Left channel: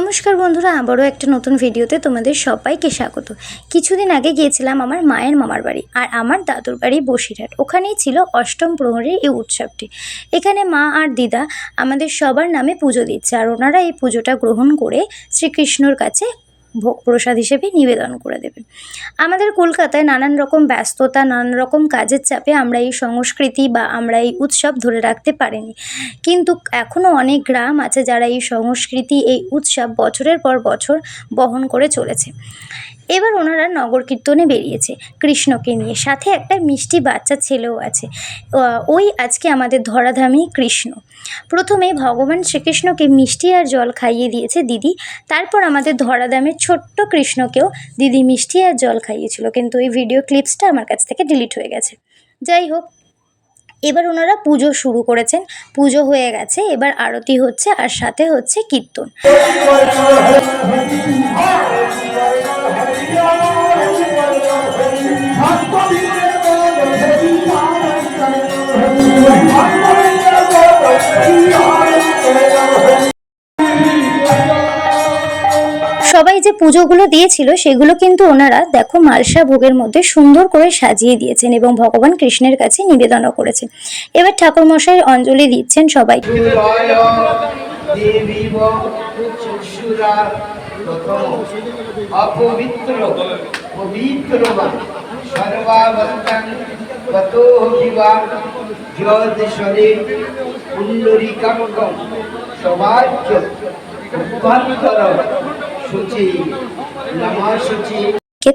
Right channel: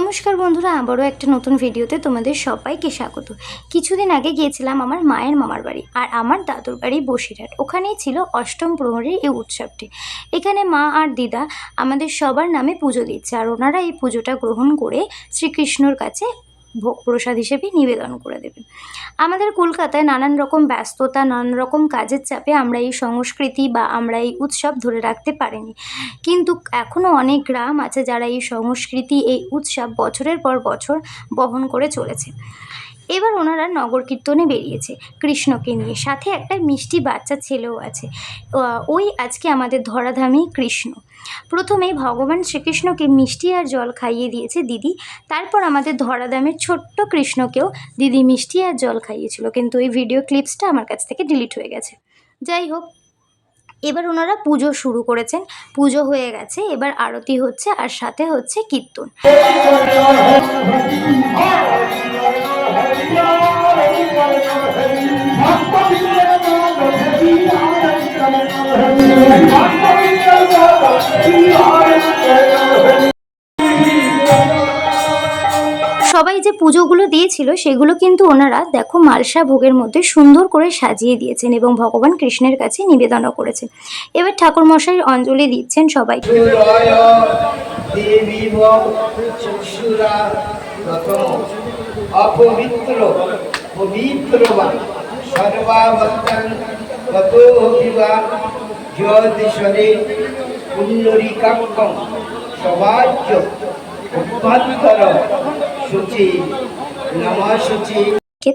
নমস্কার বন্ধুরা, আবারও একটা নতুন ভিডিওতে তোমাদের সবাইকে স্বাগত। কিছুদিন আগে গিয়েছিলাম আমার মায়ের মামার বাড়ি আর আমার দাদুর বাড়ি বসিরহাট। ওখানেই ছিল অষ্টম প্রহরীর এই উৎসবটি। এখানে মা আর দিদা আমাদের সবার নামে পুজো দিচ্ছে আর ওনারা এই পুজোটা গ্রহণ করে শ্রীকৃষ্ণর কাছে ভোগ প্রসাদ হিসেবে নিবেদন করে দেবেন। আমাদের কলকাতায় নানান রকম ব্যস্ততা, নানান রকম কাজের চাপে আমরা এই সংস্কৃতি বা আমরা এই উৎসব ধরে রাখতে পারিনি, কিন্তু এখনও অনেক গ্রাম আছে যারা এই সংস্কৃতি, এই উৎসব বছরের পর বছর বহন করে চলেছে। এবার ওনারা নগর কীর্তনে বেরিয়েছে কৃষ্ণকে নিয়ে, সাথে একটা মিষ্টি বাচ্চা ছেলেও আছে। ওই আজকে আমাদের ধরাধামী কৃষ্ণ। প্রথমে ভগবান শ্রীকৃষ্ণকে মিষ্টি আর জল খাইয়ে দিয়েছে দিদি, তারপর আমাদের ধরাধামের ছোট্ট কৃষ্ণকেও দিদি মিষ্টি আর জল খাইয়েছিল, কিন্তু এই ভিডিও ক্লিপসটা আমার কাছ থেকে ডিলিট হয়ে গেছে। যাই হোক, এবার ওনারা পুজো শুরু করেছেন, পুজো হয়ে গেছে, এবার আরতি হচ্ছে আর সাথে হচ্ছে কীর্তন। সবাই যে পুজোগুলো দিয়েছিল সেগুলো কিন্তু ওনারা দেখো মালসা ভোগের মধ্যে সুন্দর করে সাজিয়ে দিয়েছেন এবং ভগবান কৃষ্ণের কাছে নিবেদনও করেছেন। এবার ঠাকুরমশাই অঞ্জলি দিচ্ছেন সবাই।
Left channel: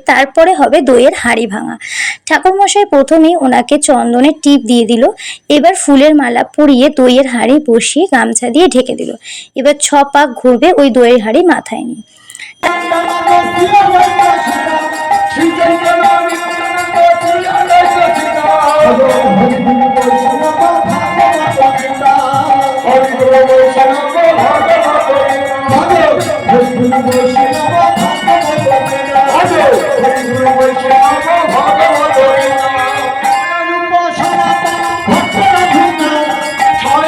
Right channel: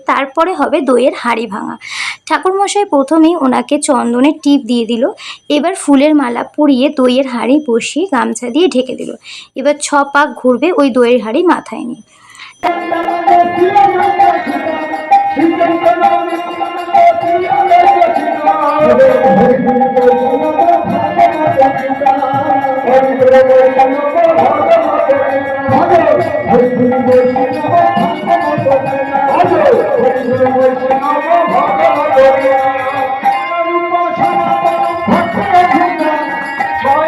তারপরে হবে দইয়ের হাঁড়ি ভাঙা। ঠাকুরমশাই প্রথমেই ওনাকে চন্দনের টিপ দিয়ে দিল, এবার ফুলের মালা পরিয়ে দইয়ের হাঁড়ি বসিয়ে গামছা দিয়ে ঢেকে দিল। এবার 6 পাক ঘুরবে ওই দইয়ের হাঁড়ি মাথায় নিয়ে।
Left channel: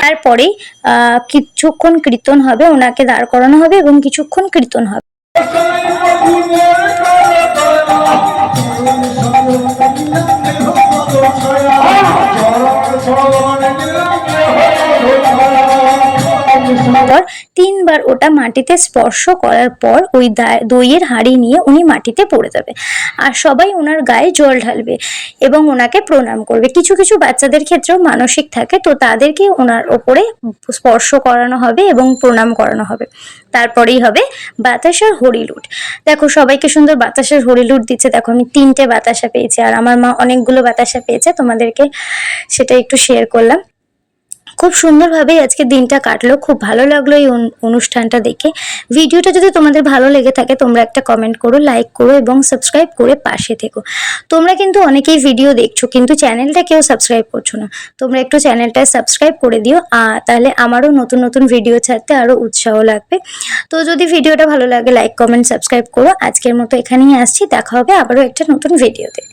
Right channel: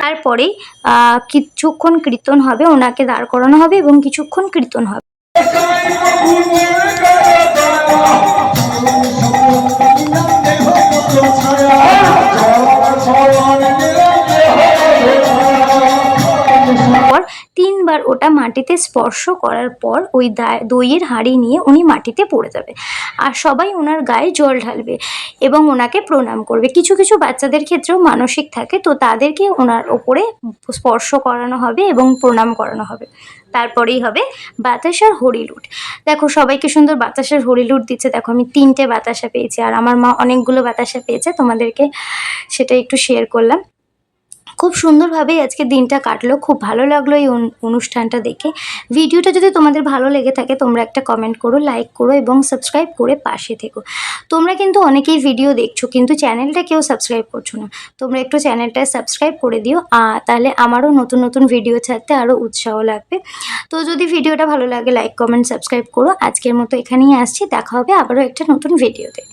তারপরে কিছুক্ষণ কীর্তন হবে, ওনাকে দাঁড় করানো হবে এবং কিছুক্ষণ কীর্তন হবে। পর 3 বার ওটা মাটিতে স্পর্শ করার পর ওই দইয়ের হাঁড়ি নিয়ে উনি মাটিতে পড়ে যাবে আর সবাই ওনার গায়ে জল ঢালবে এবং ওনাকে প্রণাম করবে। কিছু কিছু বাচ্চাদের ক্ষেত্রেও মানসিক থাকে, তো তাদেরকে ওনার ওপরে স্পর্শ করানো হবে এবং প্রণাম করানো হবে। তারপরেই হবে বাতাসার হরিলুট। দেখো সবাইকে সুন্দর বাতাসের হরিলুট দিচ্ছে। দেখো আমি 3টে বাতাসা পেয়েছি আর আমার মা অনেকগুলো বাতাসা পেয়েছে, তোমাদেরকে সেটা একটু শেয়ার করলাম। খুব সুন্দরভাবে আজকে দিনটা কাটলো, খুব ভালো লাগলো এই অনুষ্ঠানটা দেখে। ভিডিওটা যদি তোমাদের ভালো লেগে থাকে তোমরা একটা কমেন্ট করো, লাইক করো এবং সাবস্ক্রাইব করে পাশে থেকো। তোমরা কিন্তু অনেকেই ভিডিও দেখছো কিন্তু চ্যানেলটা কেউ সাবস্ক্রাইব করছো না, তোমরা একটু চ্যানেলটা সাবস্ক্রাইব করে দিও, তাহলে আমারও নতুন নতুন ভিডিও ছাড়তে আরও উৎসাহ লাগবে। তো যদি ভিডিওটা ভালো লাগে লাইক কমেন্ট সাবস্ক্রাইব করো। আজকের মতো এখানেই আসছি, দেখা হবে আবারও একটা নতুন ভিডিওতে।